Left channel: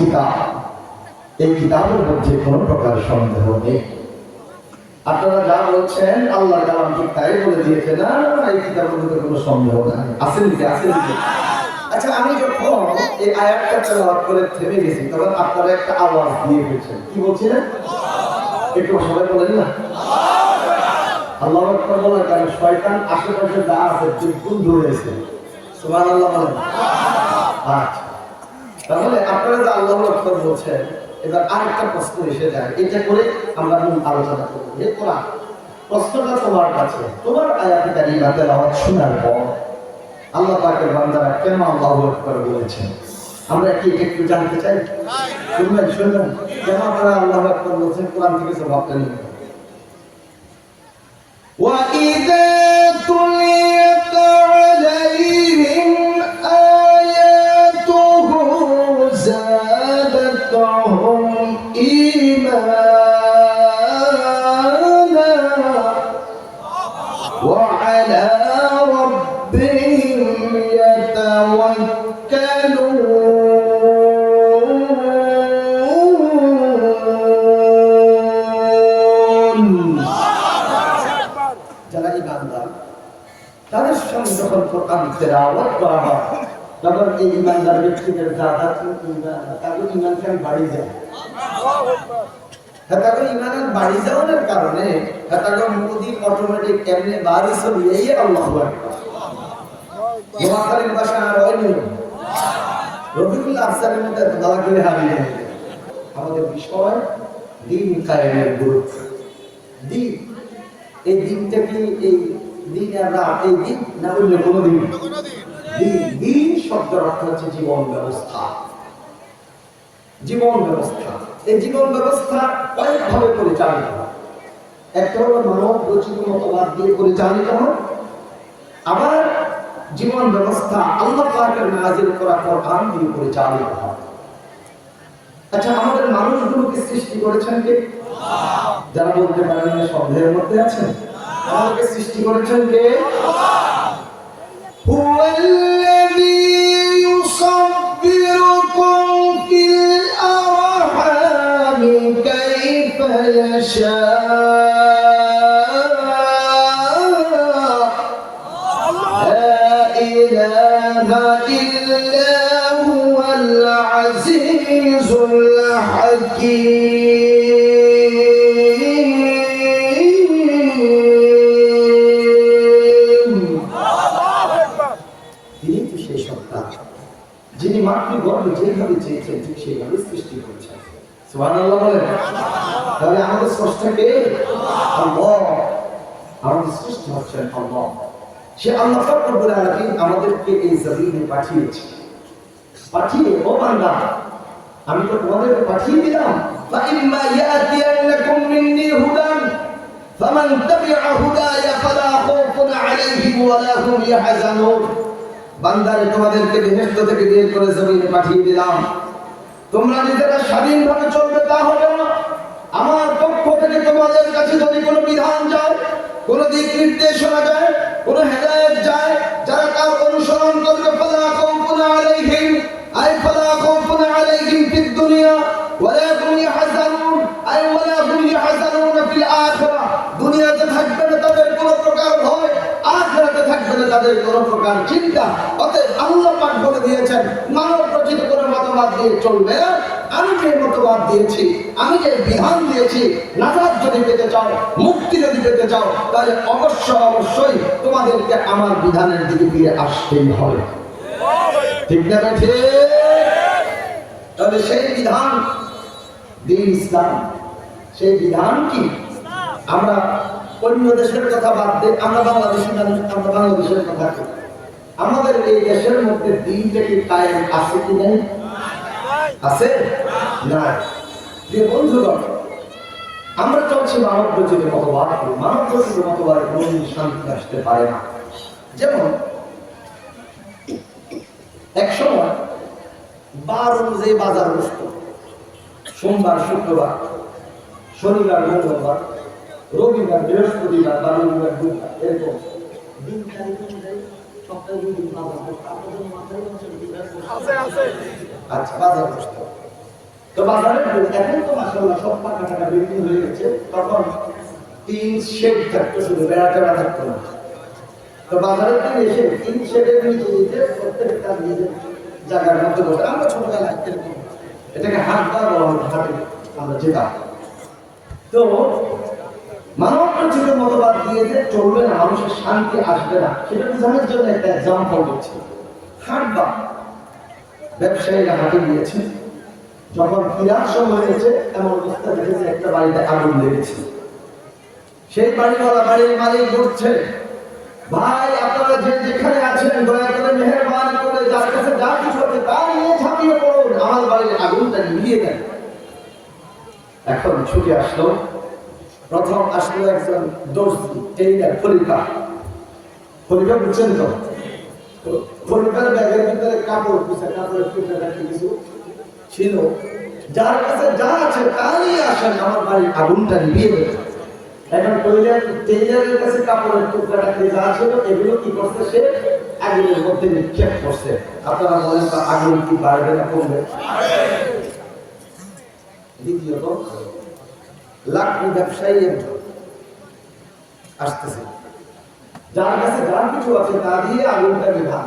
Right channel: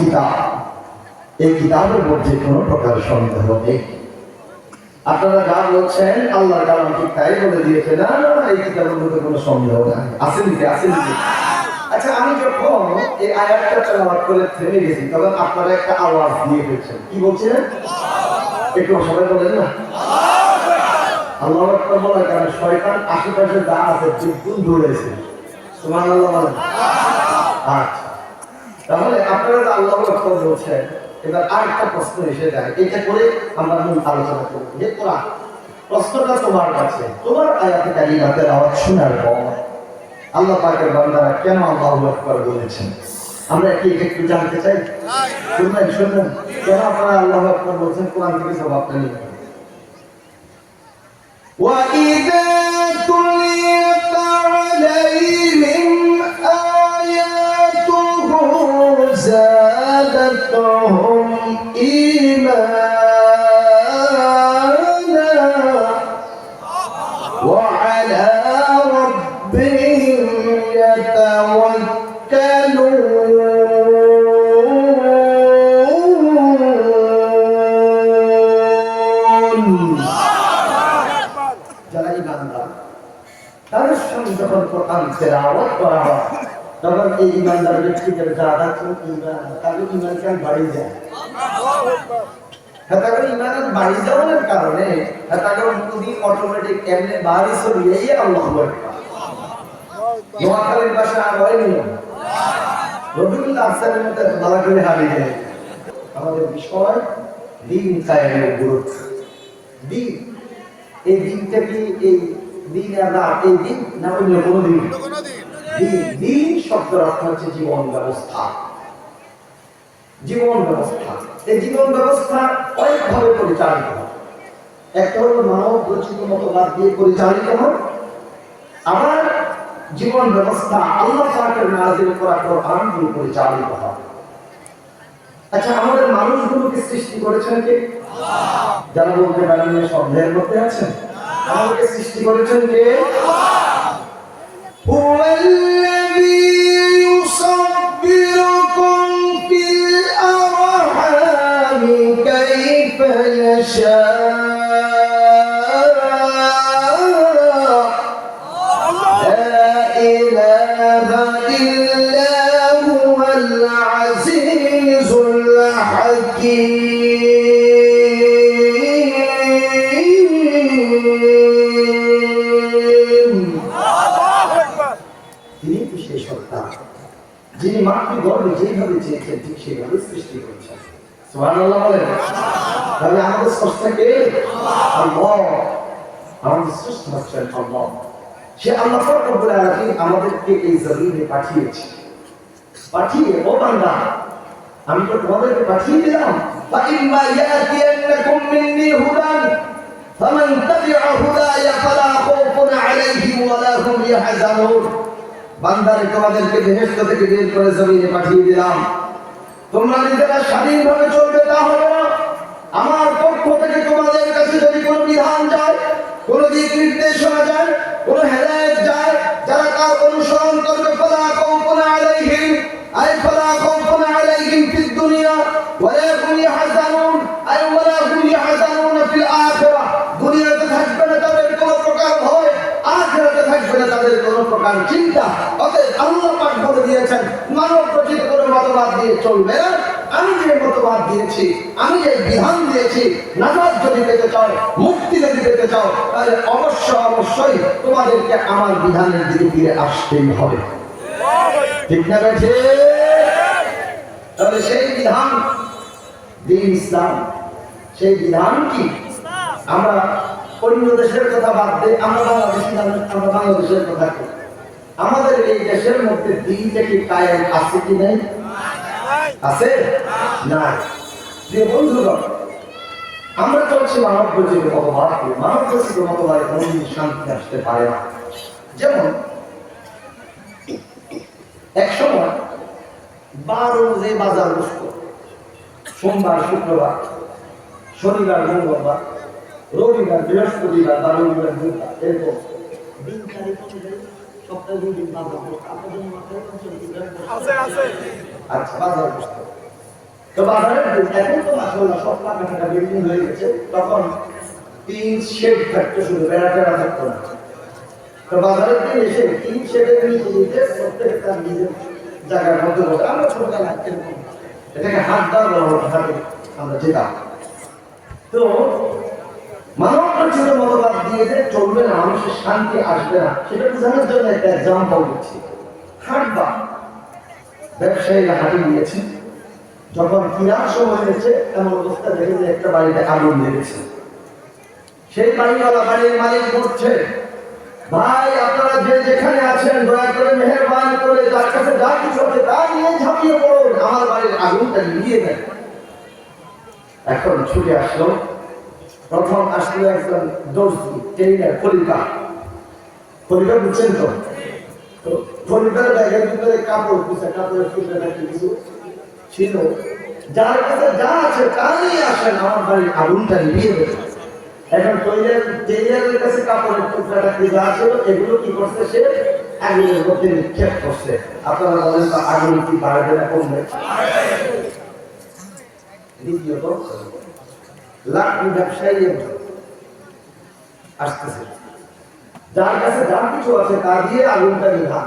কিতাব। এই কিতাবের মধ্যে কোনো প্রকার সন্দেহ নেই। আপনারা যা বলছেন, আল্লাহর কালাম ঠিক তাই বলে দিয়েছে, না না না, এই কিতাবের মধ্যে কোনো সন্দেহ নাই। আসেন কি আসেন কি আচ্ছা আমি যখন এই আয়াতটা তেলাওয়াত করে থেমে গেছি, তখন আপনারা একটা আওয়াজ দিয়ে গেছেন কি বলছিলেন একটু সবাই বলেন না। আল্লাহ আকবর বলার কারণে শয়তান আশেপাশে যা আছে দ্বিগুণ দৌড়েছে তোমার আল্লাহ বলেন। আচ্ছা। তাহলে আপনারা যে আল্লাহ আকবর বলছেন এবার আরেকটা প্রশ্ন এসে যায় এটা করে আমরা মূল আলোচনা করব যে কোরআন প্রশ্নটা তোমার কাছে তোমার আয়াতে কারিমাতের আওয়াজ শোনার পর আল্লাহ পাকের বান্দারা কেন আল্লাহ আকবর বলেছেন আমরা কি একটু জানতে চাই শুনবেন শুনবেন কেন আপনারা আল্লাহ আকবর বলছেন কোরআন থেকে জবাবটা নিয়ে وإذا যারা ইমানদার তাদের সঙ্গে যখন কোরআন তেলাওয়াত করা হয়, তখন এই ইমানদার ব্যক্তিদের ইমান তাদের ইমান কেন বাড়ি যায় হ্যাঁ ইমানের বাড়ি যাওয়ার কারণে হ্যাঁ অটোমেটিক এমনি বাড়ি আল্লাহ নোয়াখালীর ভাষা আর হয় নিল রবিউল্লাহ আফসারের করে হারিয়ে আমাদের বিষয় দিন কায়েমের গুরুত্ব। দিন এই দিনটা কি এই দিন আর রাত? এই দিন না অন্য কোনো দিন? দিন। অর্থ হচ্ছে জীবন ব্যবস্থা। জীবন ব্যবস্থা। এই জীবন ব্যবস্থা কয়েকভাবে পরিচালিত হয়। একটা হলো মানব রচিত মতবাদ দিয়ে পরিচালিত হয়। আবার জীবন ব্যবস্থা আল্লাহ পাকের নাজিল করা কোরআন দিয়ে পরিচালিত হয়। আচ্ছা আমাদের মানুষগুলোকে সৃষ্টি করেছেন কে যারা বলতে পারেন না সন্দেহের মধ্যে আছেন আমাদেরকে সৃষ্টি করেছেন কে هو الذي يصبركم في الأرحام كيف يشاء সুবহানাল্লাহ বলেন তাহলে আমাদের স্রষ্টাকে আল্লাহ আমাদের সৃষ্টি হচ্ছেন আল্লাহ সে আল্লাহ পাক রব্বুল আলামিন আমাদেরকে এই জমিনে পাঠিয়েছে পাঠিয়ে ও বান্দা আমি তো তোমাদেরকে পাঠিয়ে দিলাম فإما يأتينكم مني هدى فمن تبع هداي فلا خوف عليهم ولا هم يحزنون বান্দারে তোমাদেরকে বেহেশত থেকে বের করে জমিনে পাঠিয়ে দিলাম তোমরা নিজেরা স্বাধীনভাবে চলবে, তা হবে না। আমার পক্ষ থেকে তোমাদের কাছে যদি কোনো বিধান যায়, কোনো দিক নির্দেশনা যায়, কোনো হেদায়েত যায়, যারা তার অনুসরণ করবে, ফালা খাউফুন আলাইহিম, আই ফালা খাউফুন আলাইহিম ফিদ দুনিয়া, ওয়ালা হুম ইয়াহজানুন, আই ওয়ালা হুম ইয়াহজানুন ফিল আখিরাহ। দুনিয়াতে থাকবে না তাদের কোনো প্রকার ভয়। আখিরাতে থাকবে না তাদের কোনো প্রকার চিন্তা। অতএব আল্লাহ পাক বলে দিয়েছেন, মানব মতবাদ দিয়ে চলবে আমি যে মতবাদ দিয়েছি, আমি যে বিধান দিয়েছি নাজাদ যদি পেতে চাও, মুক্তি যদি পেতে চাও, তাহলে অবশ্য অবশ্যই তোমাদেরকে আমার বিধানের দিকে ফিরে আসতেই হবে। ঠিক না বেঠে? তাহলে সেই বিধান, দিন ইসলাম, সেই বিধান কি? আমরা অন্য দেশের কথা বাদ দিয়ে আমরা বাংলাদেশি আমরা বাংলাদেশের কথা কি? আমাদের এই দেশের মধ্যে দিনটা কি কায়েম আছে কি নাই? আছে? না যে বন্ধুগণ, আমরা চলছি মানব রচিত মতবাদ মানব রচিত মতবাদে কোনোদিন শান্তি আসতে পারে না। যেমন, এক সময় বার অনুযায়ী বাজার বসত। সোমবার, শুক্রবার, শনিবার, মঙ্গলবার। রবিবার বৃহস্পতিবার বা রবিবার বুধবার এরকম। দিন অনুযায়ী সপ্তাহে দুই দিন বাজার করতে আপনাদের মাথায় অঞ্চলে কি আচ্ছা বাজার তো বাজারে এখন তো মাসাল্লাহ সব টাকা টাকা বিল্ডিং হয়ে গেছে। তখন টিন শেড থাকতো শুধু বেড়া টেড়া থাকতো না। তো বাজারে এসে টিন শেডের নিচে দিতে প্রত্যেকে তার নিজের জায়গার মধ্যে বসে। আমরা ছোটবেলা এরকম এটাকে হাটবার বলা হতো হাটে আমরা যেতাম। তো মানব রচিত মতবাদ দিয়ে যে চলবে না, মানুষের শান্তি আসবে না, সেটা বোঝানোর জন্য একটা এক্সাম্পল দিচ্ছি। হাটবার ব্যবসায়ীরা হাটে গিয়েছে, যখন কিনার সময় হয়েছে এমন অবস্থা দেখে যে একটা বাড়িতে আগুন লেগেছে। সেই বাড়িওয়ালা বাড়ির মালিক বলছে, ভাই, আপনারা যে যেখানে আছেন, দয়া করে মেহরবান করে যার কাছে যা কিছু আছে তা নিয়ে ঝাঁপিয়ে পড়ুন। আমার বাড়ির আগুনটা নিভিয়ে দেন। এখন ছুটে আসলো প্রথম আসলো একজন দর্জি টেইলার খলিফা। খলিফা বুঝছেন তো? খলিফার ব্যাগের ভিতরে কাপড় পিছা কাপড়ের পিছনে নাকি কিছু ছিল। যার কাছে যা আছে তা নিয়ে আসেন আমার বাড়ির আগুনটা দেবেন এখন টেইলার টেইলারের কাছে কাপড়ের টুকরাটা যা ছিল, এগুলো কি করছে সে? আগুনের মধ্যে নিক্ষেপ করছে। আপনারা বলেন তো, আগুন কি বাড়বে না কমবে? দ্বিতীয়ত লাকড়ি ব্যবসায়ী একজন আসতেছে। যার কাছে যার কিছু আছে, তা দিয়ে আগুনটা নিভান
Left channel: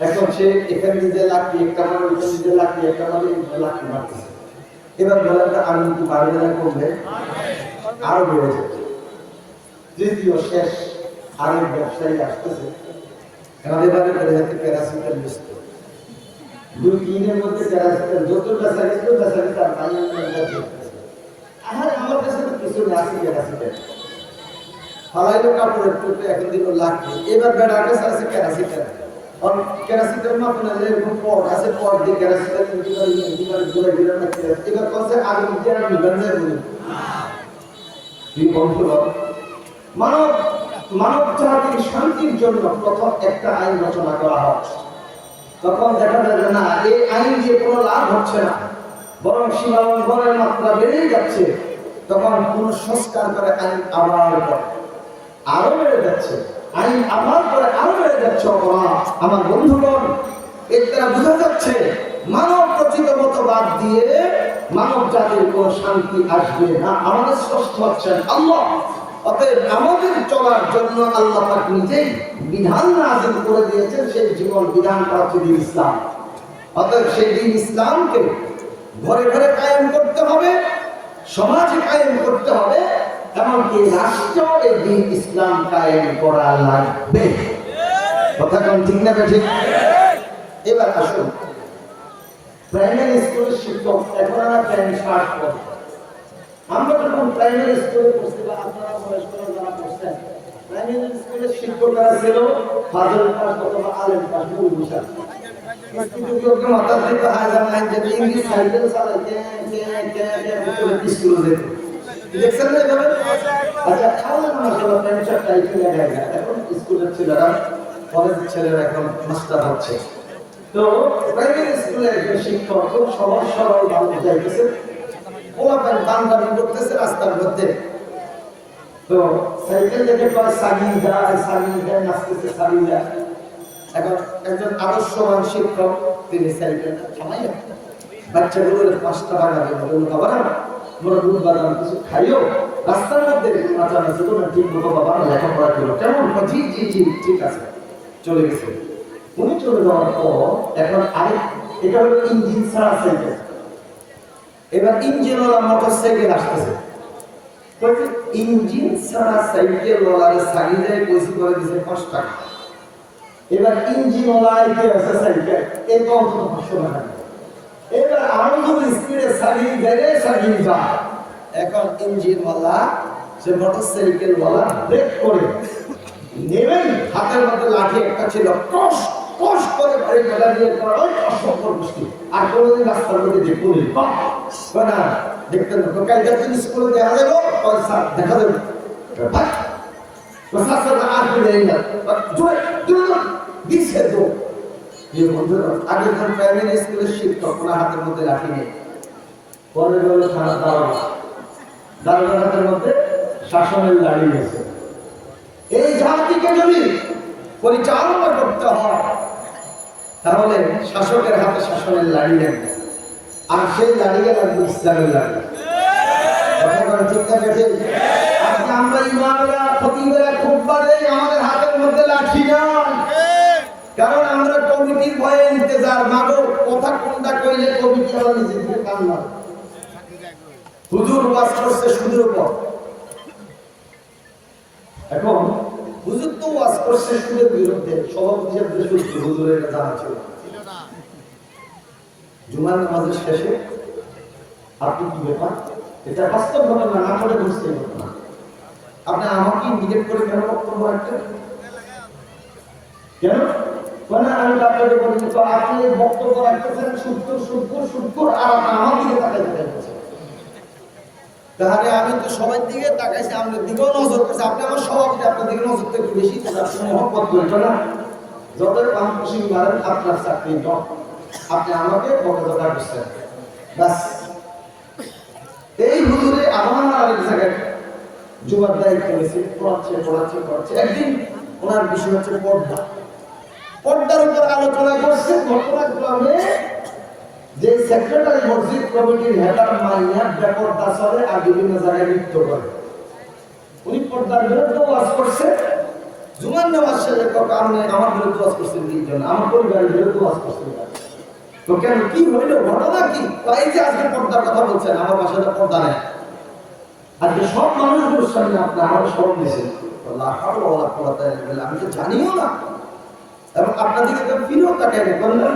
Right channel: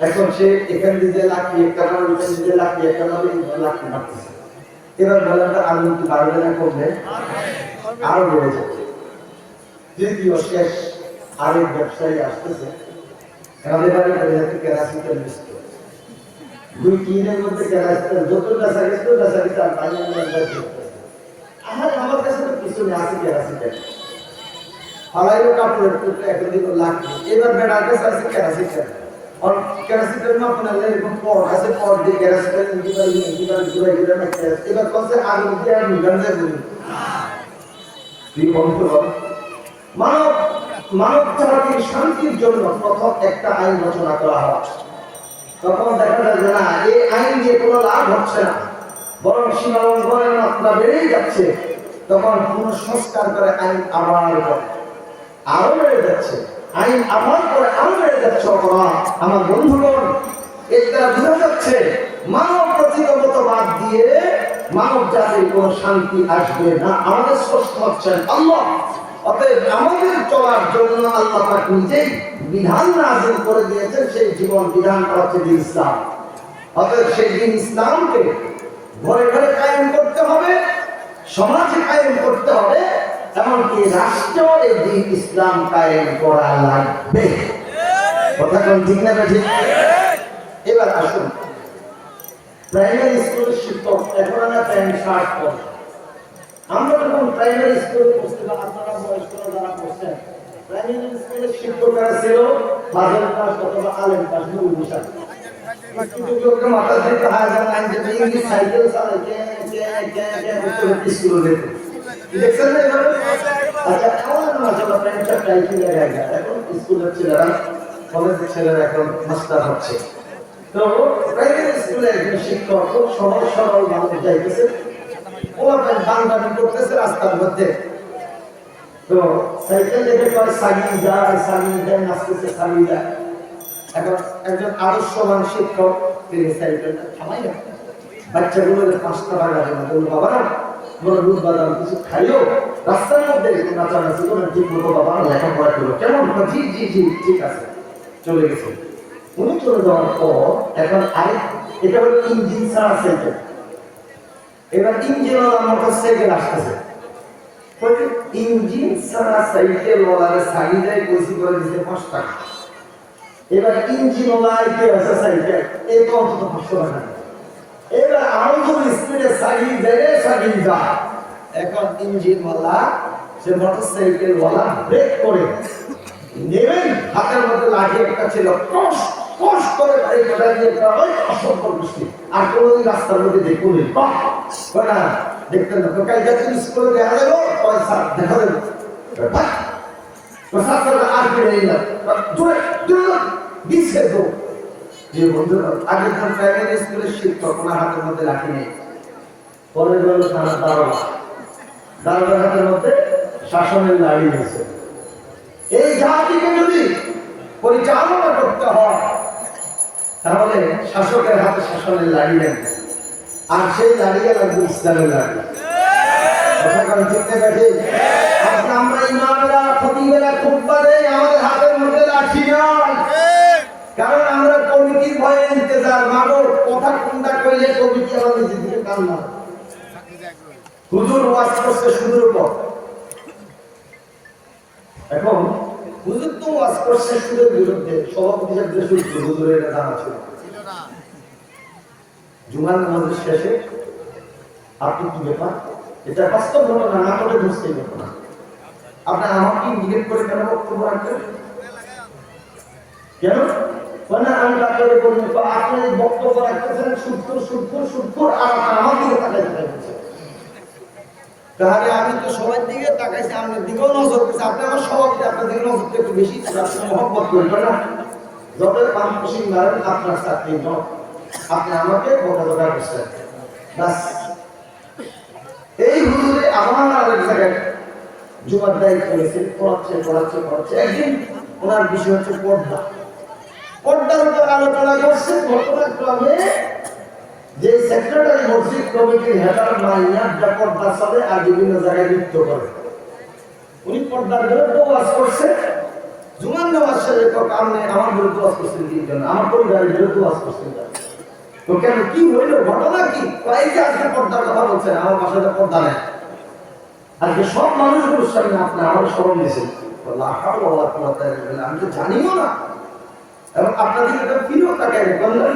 এখন সে এখানে দিতে লাকড়ি, একটা মানে ওইখানে দিতে লাকড়ি, একটা মানে লাকড়ি মারতেছে। এবার বলেন তো আগুন কি বাড়বে না কমবে? আরও বেড়ে যাবে। তৃতীয় শেষ আরেক ব্যবসায়ী আসতেছে। আমাদের বাড়ি করে যাচ্ছে কেরাসিটাল মিস্ত্রি। দুই তিনের মধ্যে কেরাসিটাল যত বেচা গেছে বেচা গেছে আর পানি আহারে, আমার কাছে কিছু নেই আছে কেরাসিটাল ফালাইলো কাপড়ের এখন দিল লাগবে এবার বেড়ার কাছে আর পট এবার আর মানব মানব শান্তির জন্য প্রথম একটা আইন রচনা করা হয়। তখন দেখা যায় যে না, এই আইন দিয়ে কোনো লাভ হচ্ছে না। বরং সীমা লঙ্ঘনের মাত্রা বেড়েই যাচ্ছে, তখন সংস্কার করে আইন আবার করে। আরও বেড়ে যাচ্ছে। আইন আবার করে, আরও বেড়ে যাচ্ছে অপরাধ। আমার বন্ধুগণ দ্বারা বোঝা যাচ্ছে, মানব প্রচিত মতবাদ দিয়ে মানব জাতির কোনো শান্তি আসবে না। আমাদের স্পষ্ট হচ্ছেন আল্লাহ, অতএব আমাদের চলার জন্য আল্লাহ পাক নিজেই বিধান নাজিল করে দিয়েছেন, সেই জীবন বিধানটা হচ্ছে ইসলাম। অতএব সেই দিন ইসলামকে ঘরে ঘরে কায়েম করতে হবে, সমাজে কায়েম করতে হবে, এমনকি রাষ্ট্র এই দিন ইসলাম কায়েম করা লাগবে। কথা কোন ঠিক না ঠিক এবার আসুন। প্রাইমারি স্কুলের শিক্ষক, এখন আমরা প্রাইমারি শার্ট পড়ি। আমরা যখন প্রাইমারি স্কুলে পড়ছি বা আপনারা বয়স্করা যারা পড়ছেন, প্রাইমারি স্কুলের শিক্ষকরা ছিল, বাজারের পাশ অথবা আলেম পাশ মূল তো প্রাইমারি স্কুলে শিক্ষক খুব সরল মানুষ যাইতেছে বাংলাদেশ করতেছে রাস্তার মধ্যে তো সাইকেল দেখে কয় সাগি যায় সাগি যায়, নাচতেছে সাগি যায়। এখন একজন আদর্শবান শিক্ষক, তিনি সাইকেলটা থামাই বাচ্চাগুলোর পাঁচটা টাকা দেন বলল বাবা তোমরা দুধ বাদাম কিছু খাইও, রাস্তার মধ্যে নাচানাচি করে ঠিক মতো বাবা লেখাপড়া করল। কেমন? জি জি জি, ঠিক আছে। চলে গেছে। উনি চলে যাওয়ার পর এখন আরেক এটা হলো ইঞ্জিন ছাড়া সাইকেল। এবার ইঞ্জিনওয়ালা মোটর সাইকেল আসতেছে ইঞ্জিন ছাড়া সাইকেল ওলারে সাইডে কইছি করে দিছে পাঁচ টাকা। এবার ইঞ্জিনওয়ালা কে আছে এই তো অন্তত পাঁচশো টাকা। এবার আরও যদি স্পিডে সাইকেল সাইকেল এখন ইঞ্জিনওয়ালা সে মোটর সাইকেল ওয়ালা ব্রেক করে। নেবেই হাতের মধ্যে লাঠি একটা ছিল। কষ কষ করে বাড়ি দিয়ে ওই বৃষ্টি আর কোনোদিন রাস্তার মধ্যে দেখুন না। দেখতেন না তো? কালকে স্কুলে দেখা যাব। দেখা ভাই তো হাতের মধ্যে লাঠি নেই পরে গেল থানার দারোগা দারোগার হাতের মধ্যে শাসনের লাড়ি এই পরিচালনা করতে হয় তাহলে শাসকের হাতে শাসনের লাড়ি লাগবে আর সেই লাড়িয়ে লাগবে ইসলামের লাড়ি কথা ঠিক না এখন, হুজুর তো ওয়াজ করছে বিরুদ্ধে, সভাপতি হুজুরের এটা জানা ছিল শেষে, আপনি কি ব্যাপার? এটা বাস্তব ঘটনা, না করে বুঝতে ঘটনা আপনার আমাকে ইন্ডিকেট করে কেন বক্তব্য রাখবেন? কেন? মানে আমি বলি, তো আপনি বক্তব্য রাখতেছেন সুদপুর সুদপুর সুদপুর আর আমার দিকে তাহলে আমি তো সবার দিকে তাকাইছি, আপনার দিকেও নজর করছি আপনি আমার সভাপতি আপনার দিকে নজরটা একটু বেশি মহব্বত না যত পান মারেন, আপনার চাকরি নয় আপনি আমাকে বাস এই হুজুরে আরেক জায়গায় যুবার পড়াচ্ছে পড়াচ্ছে পড়াচ্ছে। একদিন ওনার বিষয় হচ্ছে পর্দা। করছে ঘটনাক্রমে যে সেক্রেটারি মসজিদ কমিটির হেডার পর্দা চলে আর বিভিন্ন জায়গায় নৃত্য করে। উনি পর্দার বিরুদ্ধে ওয়াজ করছে। জুমান নামাজ শেষে আপনি আমার বিরুদ্ধে করছেন আমার পরিবারের বিরুদ্ধে করছেন তো কি হইল? ঘটনা কি? এই যে আজকে পর্দার কথা বলছেন। আমার বাসায় তো পর্দা নেই। আজকে সব মানুষগুলোর সামনে আপনি আমার স্মরণ পোড়াতে আমি তো জানিও না। এবং আপনাদেরকে তো ফিরেও বললেন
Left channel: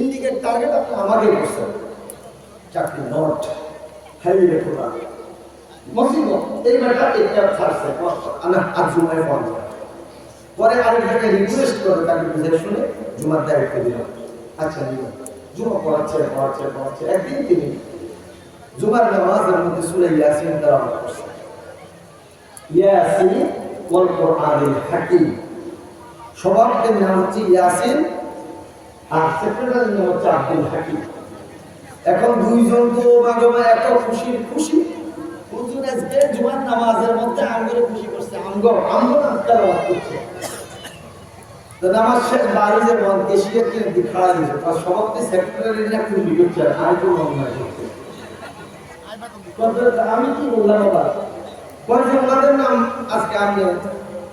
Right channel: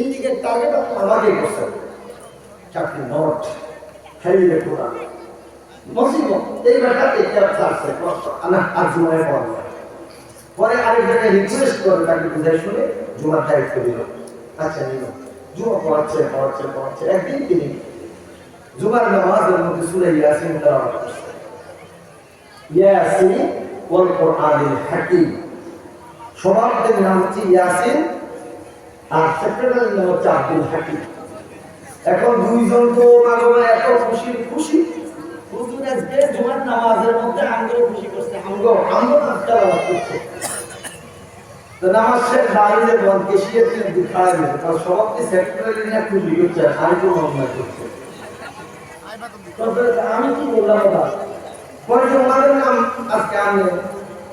ইন্ডিকেট টার্গেট আপনি আমাকেই করছেন চাকরি নট হেলিয়ে পোড়া মসিবত এই বেটা এটা ছাড়ছে আজ জুমায় পড়াবো পরে আরেক জায়গায় রিকোয়েস্ট করে তাকে বুঝাই শুনে জুমার দায়িত্ব দিল। আচ্ছা নিল। জুমা পড়াচ্ছে পড়াচ্ছে পড়াচ্ছে। একদিন তিনি জুমার নামাজের মধ্যে সুরে ইয়াসিন তেলাওয়াত করছে। ইয়াসিন ওয়াল কোরআনিল হাকিম। সভাপতির নাম হচ্ছে ইয়াসিন আর সেক্রেটারির নাম হচ্ছে আব্দুল হাকিম। এখন দুইজন তো মাগমে এত খুশি খুশি। হুজুর, আজকে জুমার নামাজের মধ্যে আমগরে খুশি করছে আমগো আমগো না তেলাওয়াত করছে। তো নামাজ শেষ বাড়িতে বল কেশিয়ার দিক খাড়া দিয়েছে সভাপতি সেক্রেটারি না খুশি করছে আর কোনো অন্যায় করছে আমি কি বললাম এবার? নাম আজকে আপনি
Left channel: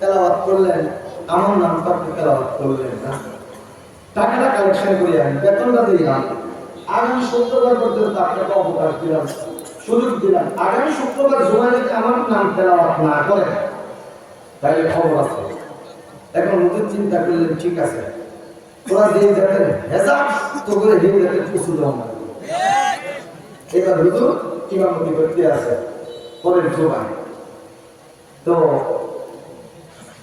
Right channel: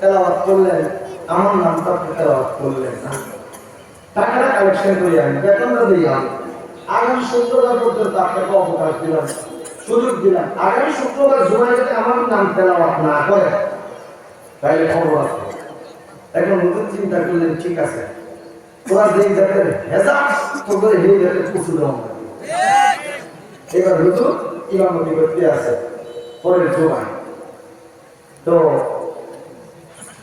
তেলাওয়াত করলেন, আমার নামটা আপনি তেলাওয়াত করলেন না। টাকাটা কালেকশন করি আমি, বেতনটা দিই আমি। আগামী শুক্রবার পর্যন্ত আপনাকে অবকাশ দিলাম, সুযোগ দিলাম। আগামী শুক্রবার জুমায় যদি আমার নাম তেলাওয়াত না করে, তাহলে খবর আছে। এখন নতুন চিন্তা করলেন, ঠিক আছে। ওরা যেই জাতের হেজাব তো করে সেই জাতের কুচু দেওয়া এবার হুজুর ইমামতি করতে আছে? পরের জুমায়। তো,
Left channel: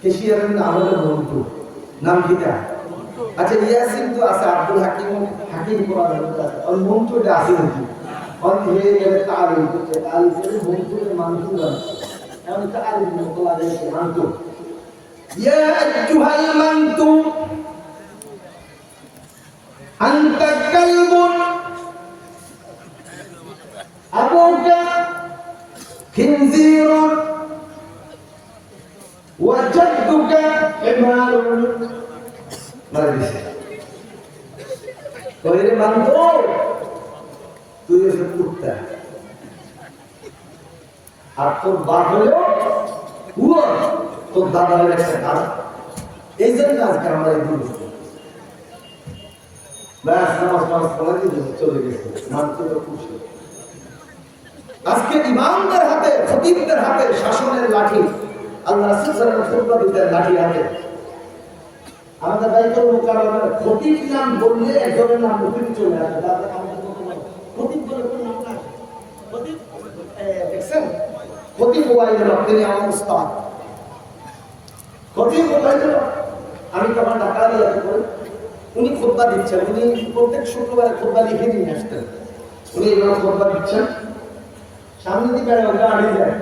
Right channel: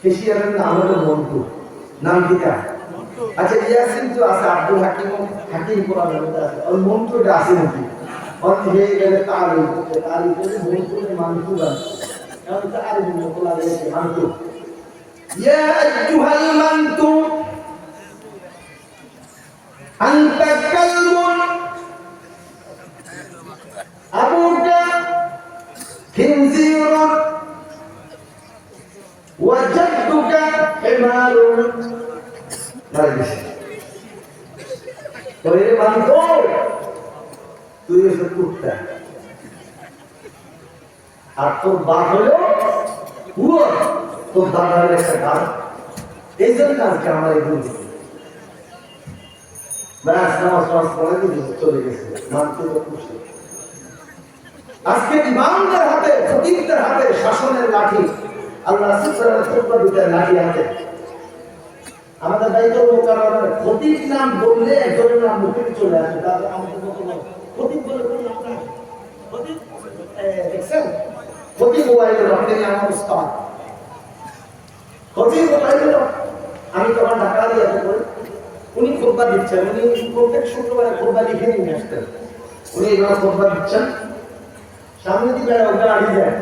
কেশিয়ারের নাম হলো মন্টু, নাম কিটা আচ্ছা ইয়াসিন তো আছে, আব্দুল হাকিম হাকিম কোরআন আছে। ওই মন্টুটা আছে নাকি? অন হয়ে গেলে তাল হচ্ছে তাল করে মন্টুরে মানতু বানছে এমন একটা আরবি মতো লাগিয়েছে মানতু ইয়া আইয়ুহাল মানতু, আনতা কালবুন আবুকা خنزير وجدك حمار মারি দিছে কইরে মানতো তুই এসে কুত্তা আর তোর বাপ হলো কুয়োর তোর দাদা হলো একটা গাধা এই জন্য আজকে আমার এই গুণ ব্যাস নামাজ নামাজ পড়ে দিয়ে চলে গেছে মানতে খুশি আজকে ইমামদের হাতে খতিবদের হাতে শাসনের লাঠি। আল্লাহ রাসূলের খুতবা লাঠি হাতে। আমাদের দায়িত্ব মোকাবেলার খতিব নাম বললে একজনের নাম মুখে চলে আসে খতিব খতিব খতিব খতিব আমি তখন ঢাকা দিয়ে করে, উনি খোদবা দিচ্ছেন। উনি প্রত্যেক শুক্রবারে খোদবা লিখে নিয়ে আসতেন। উনি এইভাবে খোদবা দিচ্ছেন। সামনে দিকে গাড়ি যায়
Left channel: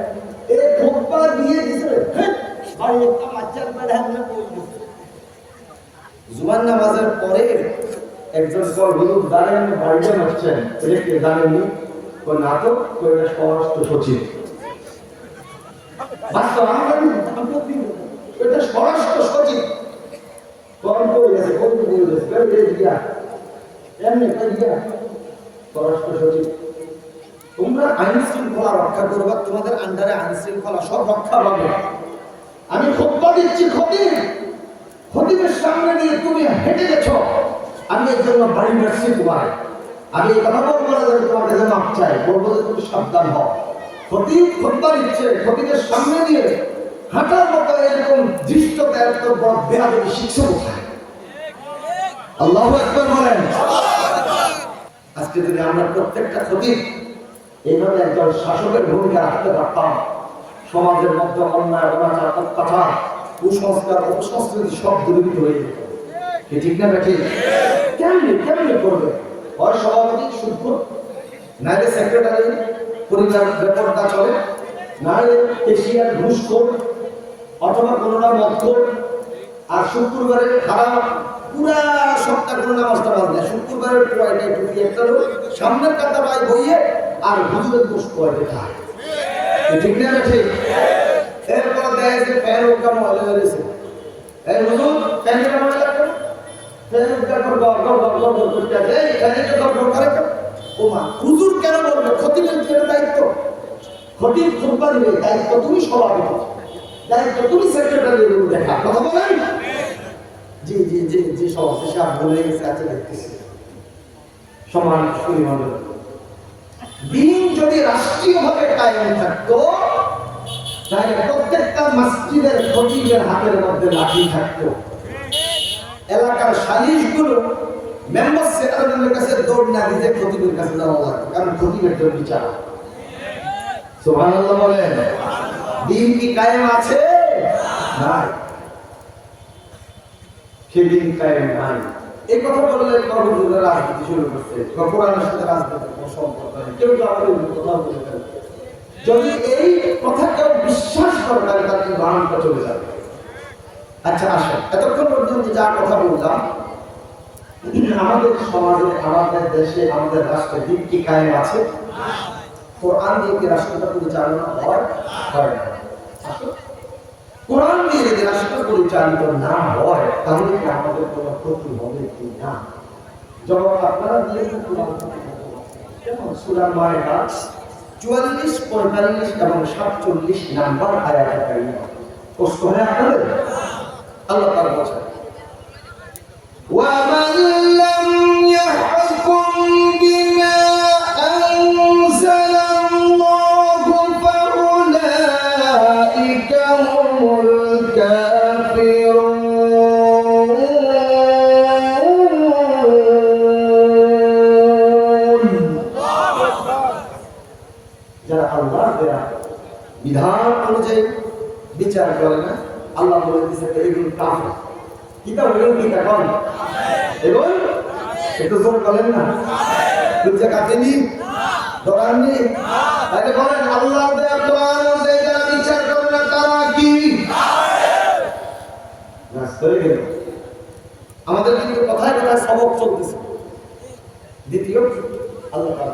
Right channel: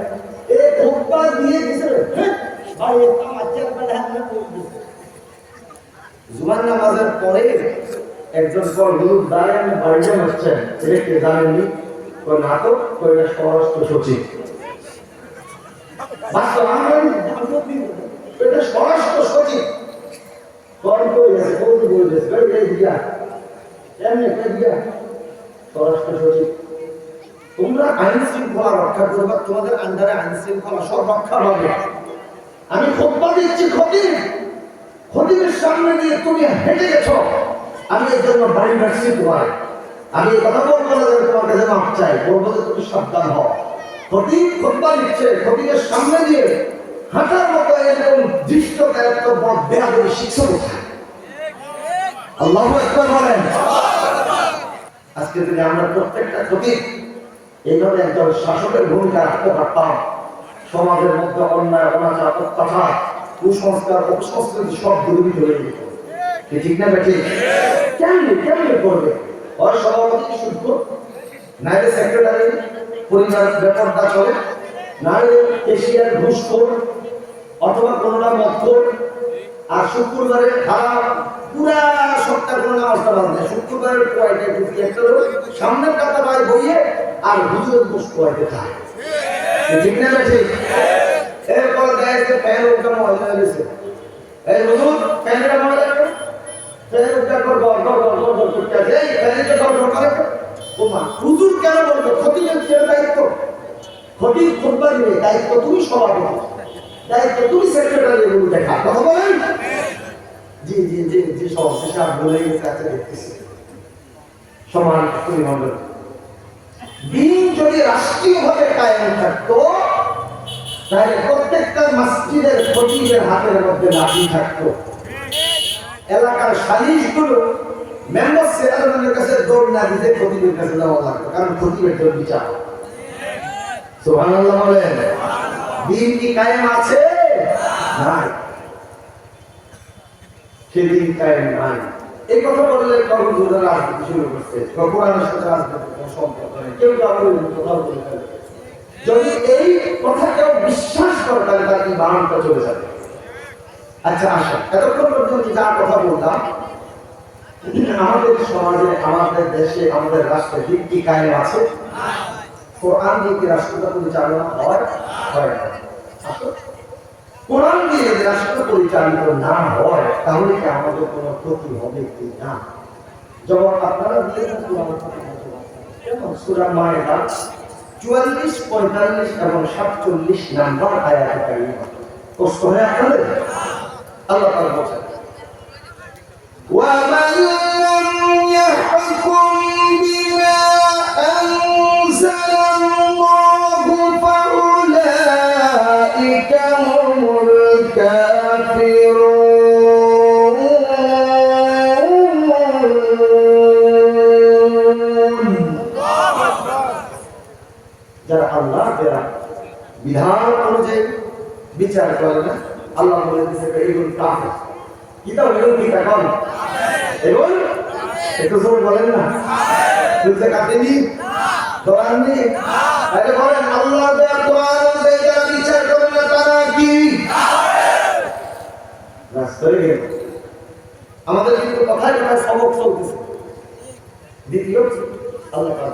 এ খোদবা দিয়ে দিছে আর একটা মাচ্চার বেড়া হাতে পড়ে দিছে নামাজের পরে একজন হুজুর দাঁড়িয়ে আমি বাড়িতে বসছেন। এটা কে ওই নাটক ওই স্বরাষ্ট্র সচিব। বাস্তব এটা স্বরাষ্ট্র সচিব। এমনি দিয়া স্বরাষ্ট্র সচিব। তোমরা আইন শৃঙ্খলা রক্ষা করবা, তোমাদের আন্ডারে আইন শৃঙ্খলা সব রক্ষা পাবে। আমি খোপ্পা দিচ্ছি খতিব। খতিবের সামনে দিয়ে তুমি হেঁটে গেছো। আমি এর জন্য বাড়ি মারছি তোমার আমি এই কথা বলব না যে তোমার কাছে মাপ চাই, বলব যে তুমি সাবধান হও। খতিব খোপ্পা দিচ্ছে, খতিবের সামনে দিয়ে হাঁটার মতো এরকম দৃষ্ট এত বড় বেহাদবি শিখছো কোথায়? আল্লাহ একবার বলেন। আজকে যদি আমরা প্রত্যেকটা খতিব এইভাবে একজন শাসকের ভূমিকা রাখতে পারতাম। সমাজের মধ্যে অন্যায়, অনাচার, অত্যাচার, কুসংস্কার অপসংস্কৃতি সব দূরীভূত হয়ে যেত। ঠিক না বেঠি কেমনি কেমনি করবে? হয় সভাপতি শুদ্ধ? নাইলে সেক্রেটারি পরিবার ব্যাপারটা চলে। নাইলে এশিয়ার ঘুষখোর অথবা কোনোটা মদখোর আর শুক্রবারে খারাপ পুরা সপ্তাহ কোনো নামাজটা বাদ দেয় শুক্রবারের পোয়াইটা টুকি একটা সামনের কাতা পায় বইয়ে আর হুজুরের দোষ পোয়াইতে খায় ঠিক না ঠিক এরপরে দেয় যে ফ্যান উল্টা ময়লা গেছে। এই হুজুর ফ্যানটা ময়লা করে ও কেন দায়িত্ব? দায়িত্ব তুমি দায়িত্ব তুমি দেখা কথা বলেন? জি জি জি জি সব বলে গেছে দেখতেছি। সমান পরিমণ্ডল দিন যদি রাষ্ট্রীয়ভাবে কায়েম থাকতো, তাহলে প্রত্যেকটা মসজিদের খতিবের হাতের মধ্যে লাঠি থাকতো। এলাকার সালিশগুলো মেম্বার সেক্রেটারির কাছে দৌড় না দিতে খতিবের কাছে দেওয়া লাগতো কারণ খতিবের জন্য বিচার সুবহানাল্লাহ বলেন দিন কি কায়েম আছে? নাই। সেদিন কায়েম নাই। এই কথা বললে কর্মজীবীরা রাজনীতি শুরু করছে। কোরআনের সাথে রাজনীতি সম্পর্ক। কেউ কথা বলে ফেলে। যদি এই কথা কেউ বিশ্বাস করে, তাহলে তার ইমানটা চলে যাবে? আচ্ছা আসা এতক্ষণ পর্যন্ত যা কথা বললাম, আমাদের সমাজে, আমাদের দেশে, আমাদের রাষ্ট্রে দিক কি কায়েম আছে। কোরআন দিয়ে কি রাষ্ট্রটা পরিচালনা হয়? হয় না। কোরআন দিয়ে যদি রাষ্ট্র পরিচালিত না হয় তাহলে কি আমাদের কোনো ক্ষতি হবে কি না যখন আপনারা দিয়ে কোরআন যেমন সুরা মায়ের চুয়াল্লিশ পঁয়তাল্লিশ এবং সাতচল্লিশ নাম্বার আয়াত কারিমা কষ্ট হয় আপনাদের আল্লাহ পাক বলছেন ومن বিচার করে না, আল্লাহ বলে এগুলো কাফের। কি দাও এগুলো কি এগুলো একটু জোর বলেন না। কাটেনি তাহলে বলেন আল্লাহ দেয়া কোরআন যারা বিচার করে না, তারা কি? আমাদের কিন্তু কথায় কথায় সবক চলতেছে। দ্বিতীয় আল্লাহ পাক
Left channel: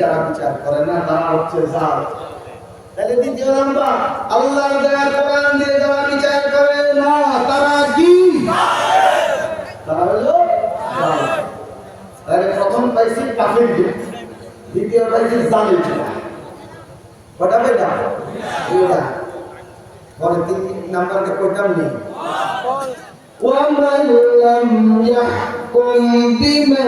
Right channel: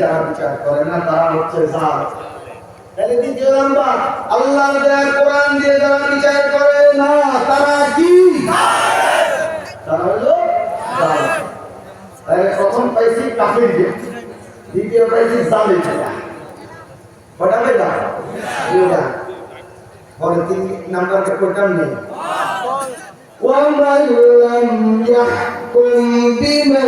যারা বিচার করে না তারা হচ্ছে জাল তাহলে দ্বিতীয় নাম্বার আল্লাহর দেয়া কোরআন দিয়ে যারা বিচার করে না তারা কি তারা হলো জাল তাহলে প্রথম পাইছি কাফির দ্বিতীয় পাইছি জালের কটা পেলাম দুইটা পরে তিন নাম্বারকে কইতাম নেই ومن لم يحكم بما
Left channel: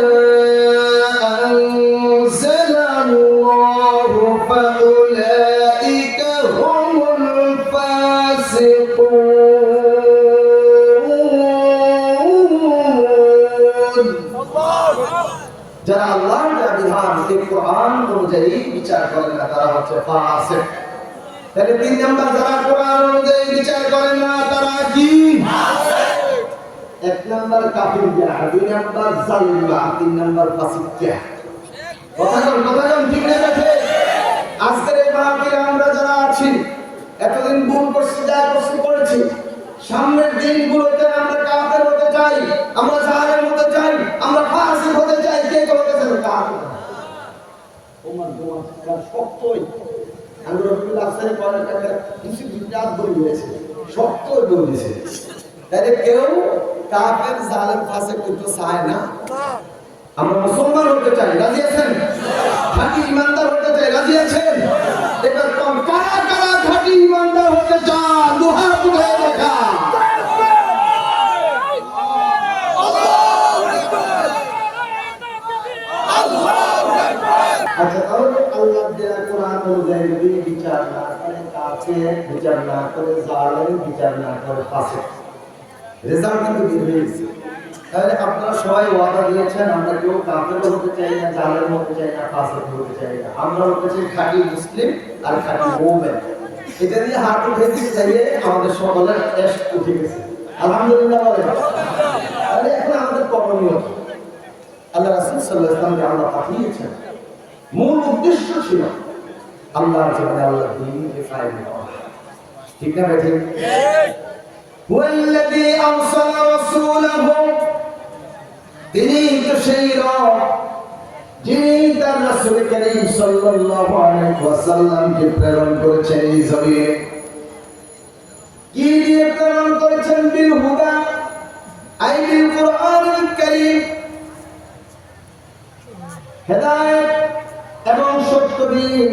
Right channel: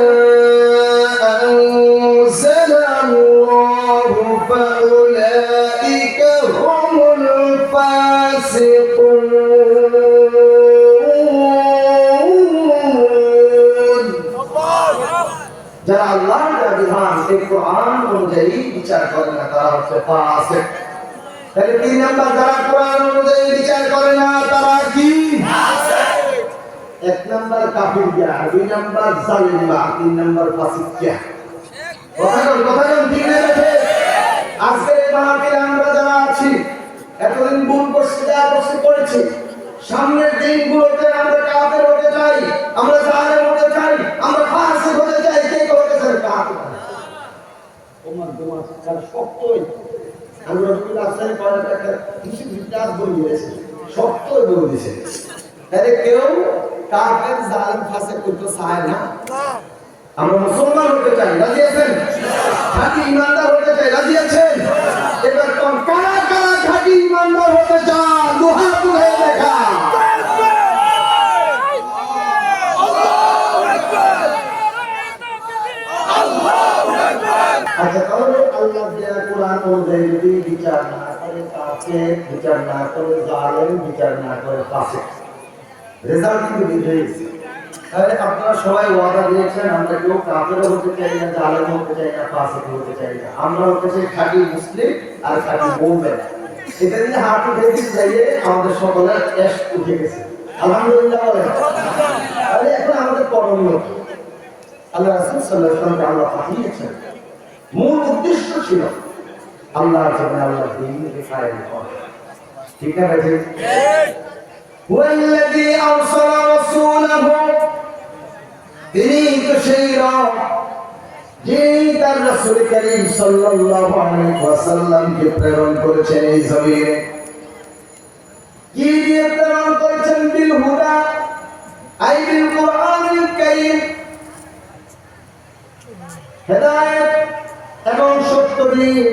অনুযায়ী বিচার করে না, তারা হচ্ছে ফাসিক তাহলে তিন নাম্বার, যারা কোরআন অনুযায়ী বিচার করে না, তারা কি? এক নাম্বার কাফির গিয়া দুই নাম্বার জালিম তিন নাম্বার ফাসিক গিয়া কথা কন কথা কন, ঠিক না রাখে আজকের এই মাহফিলে আমরা যারা আছি, এতদিন ভুল করছি, যা করছি, করেছি। সামনের দিনগুলোতে আমরা কাফের হতে চাই, আমরা জালেম হতে চাই, আমরা ফাসিক হতে চাই, কে কে হতে ওমান শক্তই শক্তই বলে কেউ কাফের ফাসিক করতে চায় না। আমরা মুসলমান হতে চাই, রাজি আছেন? ইমানদার হতে চাই, রাজি আছেন? এবার কারা ইমানদার হতে চান? দুহা তুলে দেখা। আচ্ছা আল্লাহ বিচার না করে বিচার না করে বিচার না করে তাহলে আপনারা সবাই ওয়াদা দিয়েছেন, আমরা কেউ কাফেরও হতে চাই না, জালেম হতে চাই না হতে চাই না। আমরা হতে চাই মুসলিম আর খাঁটি এটা দিয়ে হাত আমাদের সকলের উঠে গেছে। আলহামদুলিল্লাহ এখন আমাদের করণীয় আল্লাহ রাসূল ওয়াসাল্লামকে আল্লাহ পাঠিয়েছেন মূল উদ্দেশ্য ছিল আল্লাহর জন্য আল্লাহ ঠিক না ভাই ওয়াল্লাযী আরসালা রাসূলাহু, তিনি তো সেই রব, যিনি তার রাসূল করিম সাল্লাল্লাহু আলাইহি ওয়াসাল্লামকে প্রেরণ করেছেন এই জমিনে। কি দিয়ে প্রেরণ করেছেন? বিল হুদা, আই বিল কোরআনুল কারীম। হেদায়েত এবং সত্য দিন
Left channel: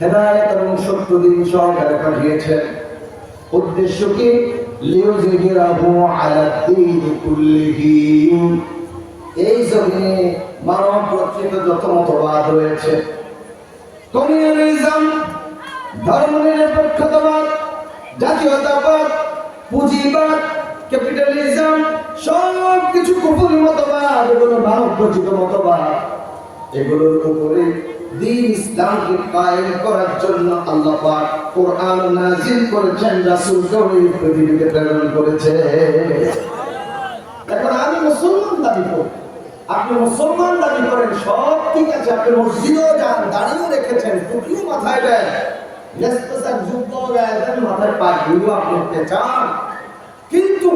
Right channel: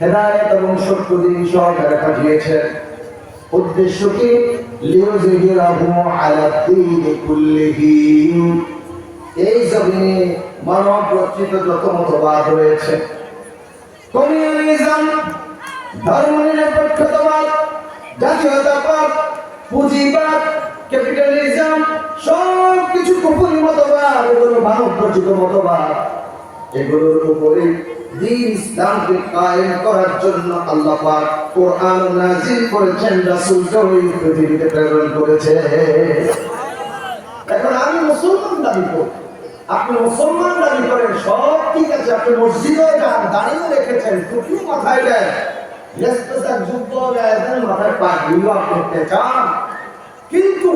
হেদায়েত এবং সত্য দিন সহকারে পাঠিয়েছেন। উদ্দেশ্য কি? লিউজহিরাহু আলা কুল্লিহি। এই জমিনে মানব প্রকৃত যত মতবাদ রয়েছে, কমিউনিজম, ধর্মনিরপেক্ষতাবাদ, জাতীয়তাবাদ, পুঁজিবাদ, ক্যাপিটালিজম সব কিছু কুপুরি মতবাদ, এগুলো মানব রচিত মতবাদ। এগুলোর উপরে দিন ইসলামকে কায়েম করার জন্য আল্লাহ পাক কোরআন নাজিল করেছেন রাসূলকে ওই পৃথিবীতে প্রেরণ করেছে। এখন আমি মুসলমান দাবি করি। আপনি মুসলমান দাবি করেন, সব ঠিক আছে, আপনি মসজিদও যান দাঁড়িয়েও রেখেছেন, টুপিও মাথায় দেন মাথায় পাগড়িও আপনি করতে চান। কিন্তু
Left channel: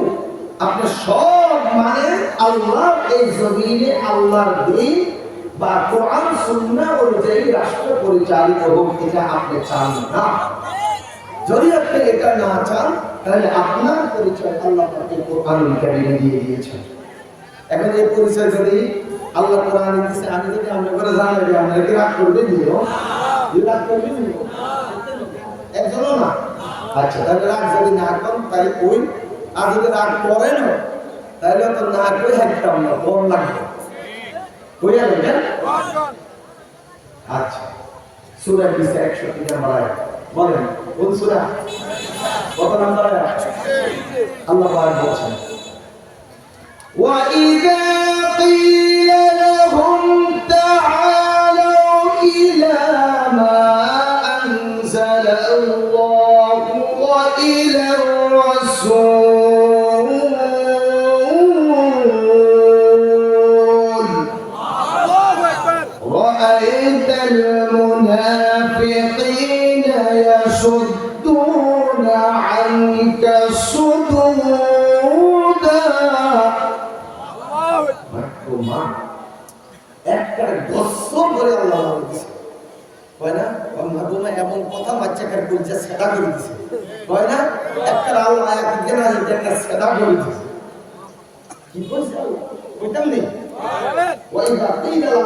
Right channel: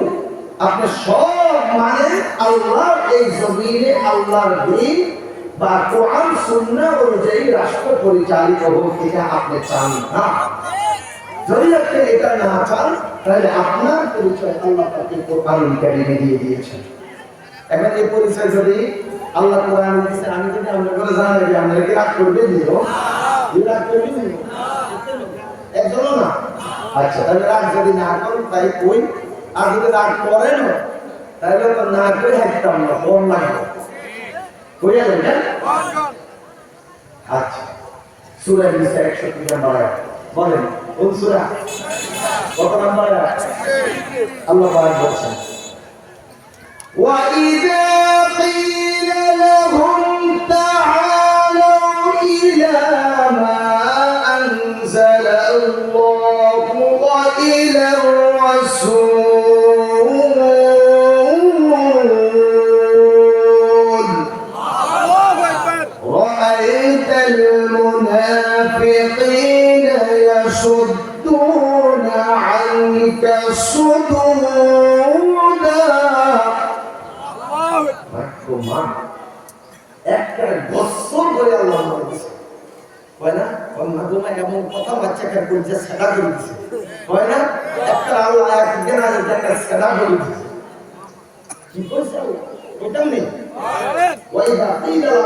আপনি সব মানে আল্লাহর এই জমিনে আল্লাহর দিন বা কোরআন সুন্নাহ অনুযায়ী রাষ্ট্র পরিচালিত হোক এটা আপনি চান না। যদি আপনি এটা না চান, তাহলে আপনার পরিচয় আল্লাহ তাকে কোরআন কারিমে দিয়ে দিয়েছেন। এখন এই পরিচয় যদি আল্লাহ কোরআন দিচ্ছে আমি যদি আমরা করে জানাই যে আপনারা কি রাগ করবে দিও রাগ করবে দিও একজনও না? আচ্ছা তাহলে রাগ যদি না করেন, তাই কই? আর যদি রাগ করেন তাহলে তো না কই হাঁটতাম না বল লাগবে কইয়া যাবেন আচ্ছা সুরা নিসা একষট্টি নাম্বার আয়াত বলেন কোন সুরা কত নাম্বার আয়াত আল্লাহ পাক বলছেন وإذا قيل المنافقين يصدون عنك صدودا ভাগ্যবান একটা বছর করে আল্লাহ আমাকে দিছে হয় না ওর মাগুমা এমন কথা বাচ্চা কার করছে সেটা করে দিছে হয় না একটা আল্লাহ একদিন আছে যে একটা সেটা করে দিছে কি করছে আল্লাহ ওইটাও নেই ওই বাপেই গেলাম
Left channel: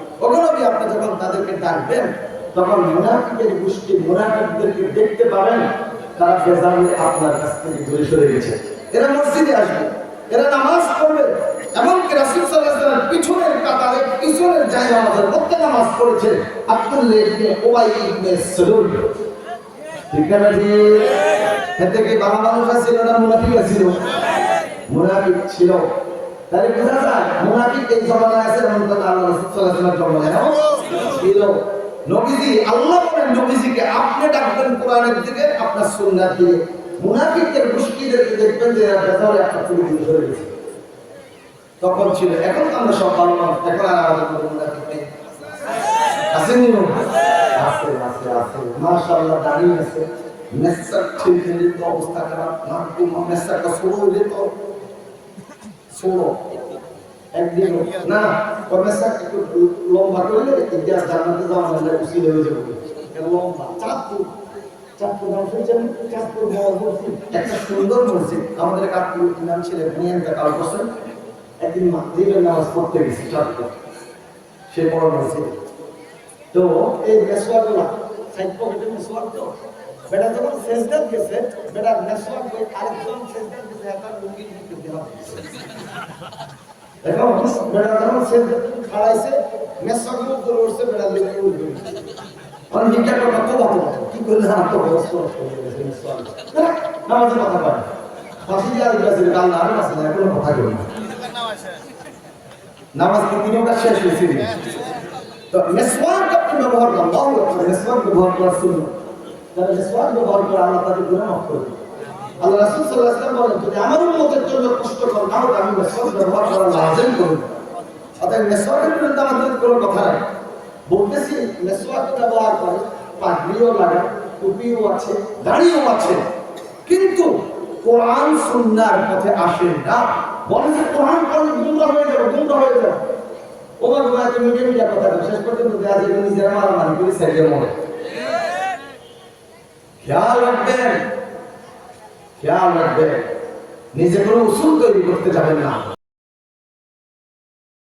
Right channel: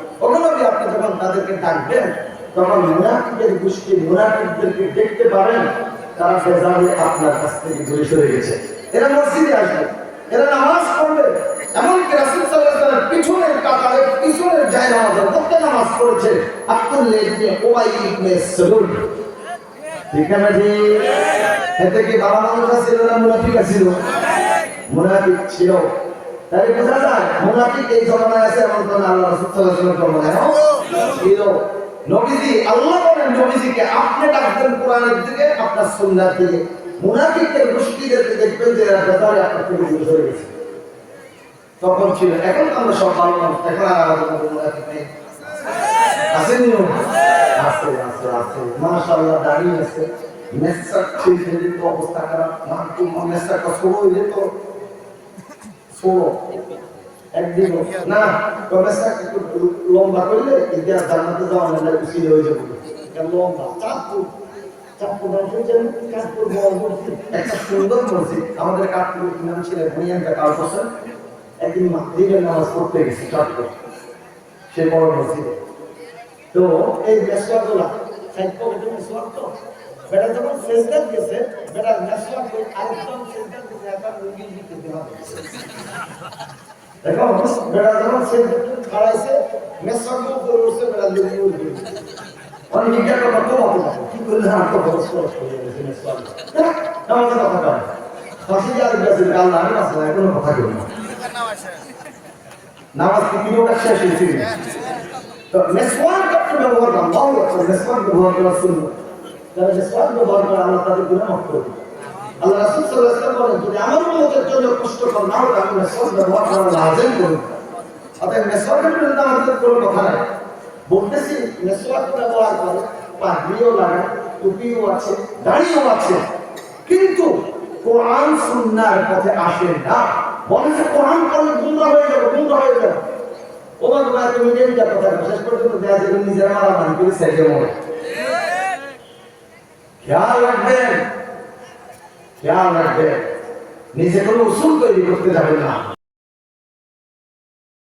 ওগুলো কি আপনি যখন তাদেরকে ডাকবেন, তখন মুনাফিকের গোষ্ঠী মুনাফিকদেরকে দেখতে পাবেন, তারা বেজালে আপনার কাছ থেকে দূরে সরে গেছে। এরা মসজিদে আসবে, এরা নামাজ পড়বে, এমনকি রাসূল ওয়াসাল্লাম পিছনের কাতারে, পিছনের জায় নামাজের মধ্যে নামাজ পড়েছে, আব্দুল্লাহ ইবনে উবাই ইবনে সালুল। ঠিক আছে জি এতে কি বাবা মানুষ ছিল না মুনাফিক ছিল? মুনাফিক ছিল। তাহলে বোঝা যায়, মুনাফিক এই জমানায় আছে এমন কোন আল্লাহ রাসূল সাল্লাল্লাহু আলাইহি ওয়াসাল্লাম জমানায় ছিল নবীজি, আল্লাহ বলেন নবীজিকে, আপনি ডাকবেন কোরআনের দিকে, আপনার সুন্নার দিকে। মুনাফিকদের, মুশকিলদেরকে দেখবেন যে এরা বেজারে আপনার থেকে দূরে সরে গেছে। তখন ছিল, এখন তো আমরা সব ভালো এখন আর নেই। আছে আছে আছে মাশাআল্লাহ দাঁড়িয়ে আছে। মেসার ঠিক অবস্থা খারাপ। তো সরো একদিন না মেসার একটু লম্বা করলে ইতিহাস জান্নাতে যাওয়া মানে উচিত হয়ে যাবে। লম্বা চাঁদপুর চাঁদপুর নাম শুনছেন চাঁদপুর বড় মসজিদ। একটা সুন্দর মসজিদ। আমাদের কাপড় নাম ছিলেন ভুনিয়ানটা কাল করছেন। একদিন মাগরিবের নামাজ পড়তে গেছি চাঁদপুর। সে বড় মসজিদে। তো এই মেসওয়াকগুলা সাইড পকেটে মেসওয়াক তো? বেটা যখন সেজদাত গেছে, বেটা মেসওয়াক ওই আরেকজন সেজদাত গেছে, একবার লুঙ্গি দিতে দেওয়া দেখো, বেটা যখন সেজদাত খাড়াইছে মেসওয়াক উপরে উঠছে, বেটা লুঙ্গি উঠবে অনেক হিংসা কথা তো ভালো কি করলে আর তো বড় সরস হয়ে গেছে মেসওয়াক আমাদের কথা কয় ফাঁসি যার গেছে গাল না আছে না কোনো কথা কই না। নামাজ কি তিনটা শেষ হয়েছে তো মেসওয়াক ব্যবহার করেন আল্লাহু আকবার মেসওয়াক ব্যবহার করা শুনুন যারা ব্যবহার করে আল্লাহ তাদের গুনাহ মাফ করে আল্লাহ রাসূল সাল্লাল্লাহু আলাইহি বলেন, যদি আমার জন্য না আমি ব্যবহার করা লাজিম করি অতএব মেসওয়াকের বিরুদ্ধে আমাদের কোনো কথা নাই। বলতেছি ব্যবহার করে, পাগড়িও লাগায়, টুপিও আছে, দাড়িও আছে। কিন্তু কোরআন সুন্নাহর পথে আসে না। বলে যে কোরআন পড়লে গুমরা হয়ে যাবে হয়ে যাবে। মিডিয়া মিডিয়া কথা শেষ পর্যন্ত দেয়া যাবে নিজেরা মারামারি মনে খেয়াল রাখবেন খেয়াল রাখবেন। নিজে কোনো উসুল তৈরি করতে যাবেন না।